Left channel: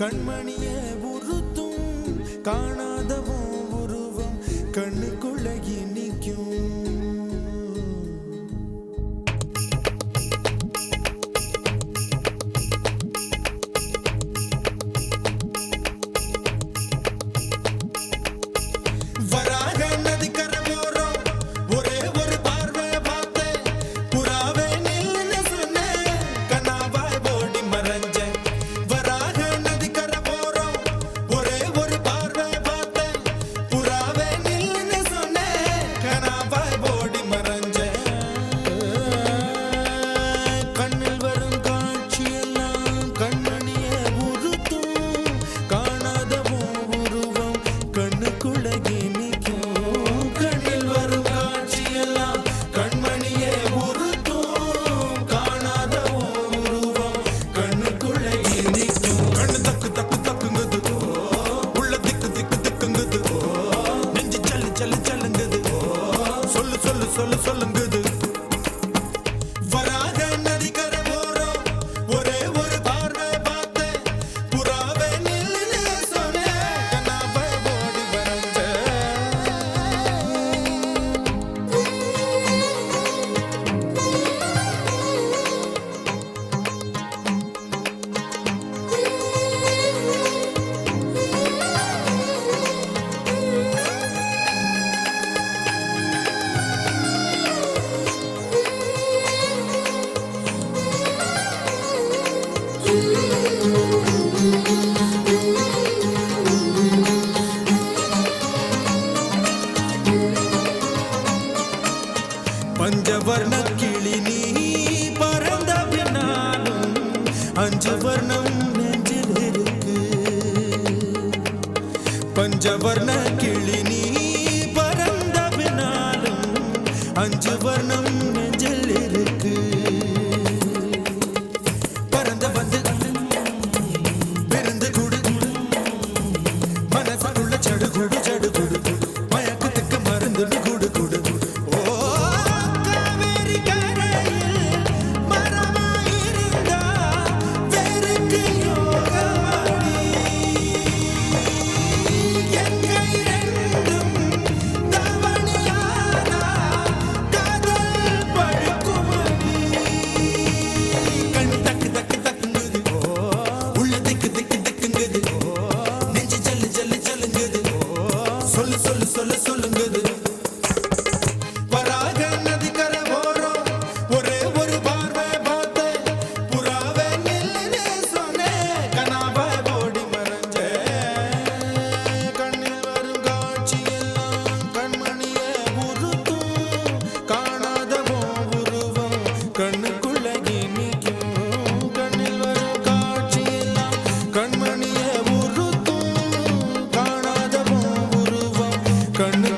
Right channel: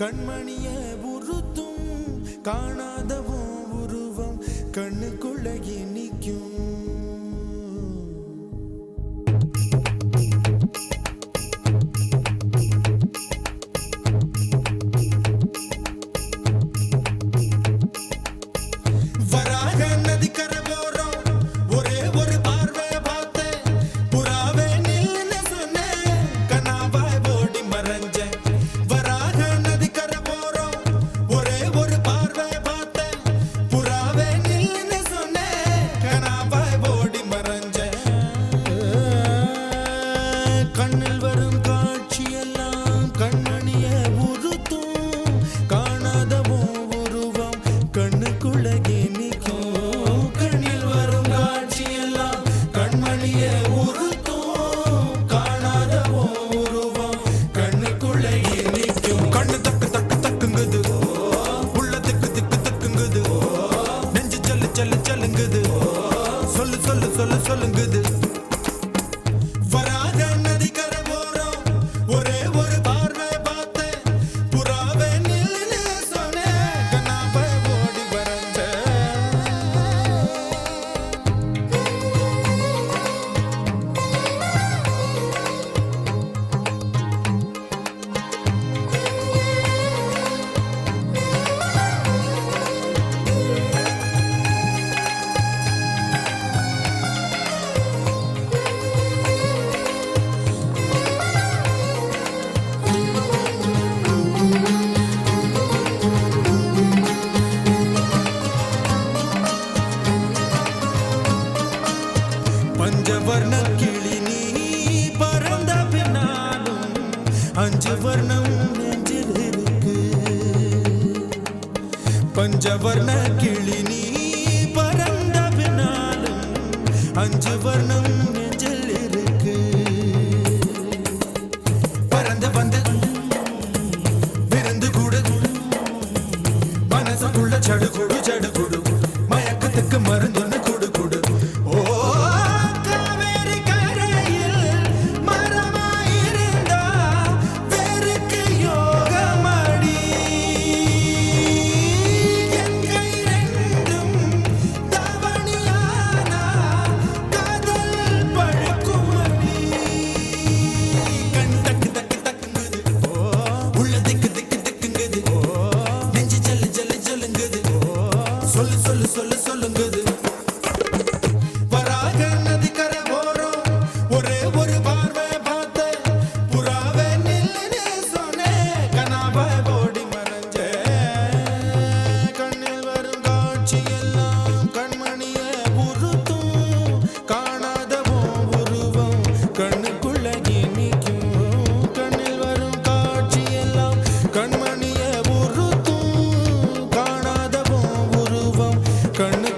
கண்மணிய உறுத்தும் காணாதவோ உருவம் கண்ணுக்குள்ள நிற்கும். வராக நதிக்கரை போறோம், ஒரே ஒரு பார்வை பார்த்தேன், புறாவே நில்லுன்னு சொன்னேன், கனாவாய் ஓடி மறைஞ்சேன். வராக நதிக்கரை போறோம், ஒரே ஒரு பார்வை பார்த்தேன், புறாவே நில்லுன்னு சொன்னேன், கனாவாய் ஓடி மறைஞ்சேன். கண்ணில் வரும் காட்சியெல்லாம் கண்மணிய உறுத்தும் காணாதவோ உருவம் கண்ணுக்குள்ள நிற்கும். கண்ணில் வரும் காட்சியெல்லாம் கண்மணிய உறுத்தும் காணாதவோ உருவம் கண்ணுக்குள்ள நிற்கும். கண்ணு தக்கு தக்கு தக்குங்குது, உள்ள திக்கு திக்கு தக்குங்குது, நெஞ்சு சல்லு சல்லு சல்லுங்குது, சொல்லு சொல்லு சொல்லு சொல்லுங்குது. வராக நதிக்கரை போறோம், ஒரே ஒரு பார்வை பார்த்தேன், புறாவே நில்லுன்னு சொன்னேன், கனாவாய் ஓடி மறைஞ்சேன். பஞ்சவர்ண கிளி நீ பறந்த பின்னாலும் 5 வர்ணம் நெஞ்சில் இருக்கு. பஞ்சவர்ண கிளி நீ பறந்த பின்னாலும் 5 வர்ணம் நெஞ்சில் இருக்கு. பறந்து வந்து விருந்து கூடு, மனசுக்குள்ள சடுகுடு சடுகுடு, மயக்கத்துக்கு மருந்துன்னு கூடு கூடு. ஓ காவேரி கரையில் மரமாயிருந்தா வேருக்கு யோகமடி, என் கை ரெண்டும் தவணியானா காதல் பழுக்குமடி. கண் தக்கு தக்கு தக்குங்குது, உள்ள திக்கு திக்கு திக்குங்குது, நெஞ்சு ஜல்லு ஜல்லு ஜல்லுங்குது, சொல்லு சொல்லு சொல்லு சொல்லுங்குது. வராக நதிக்கரை போறோம், ஒரே ஒரு பார்வை பார்த்தேன், புறாவே நில்லுன்னு சொன்னேன், கனாவாய் ஓடி மறைஞ்சேன். கண்ணில் வரும் காட்சியெல்லாம் கண்மணிய உறுத்தும் காணாதவோ உருவம் கண்ணுக்குள்ள நிற்கும். கண்ணில் வரும் காட்சியெல்லாம் கண்மணிய உறுத்தும் காணாதவோ உருவம் கண்ணு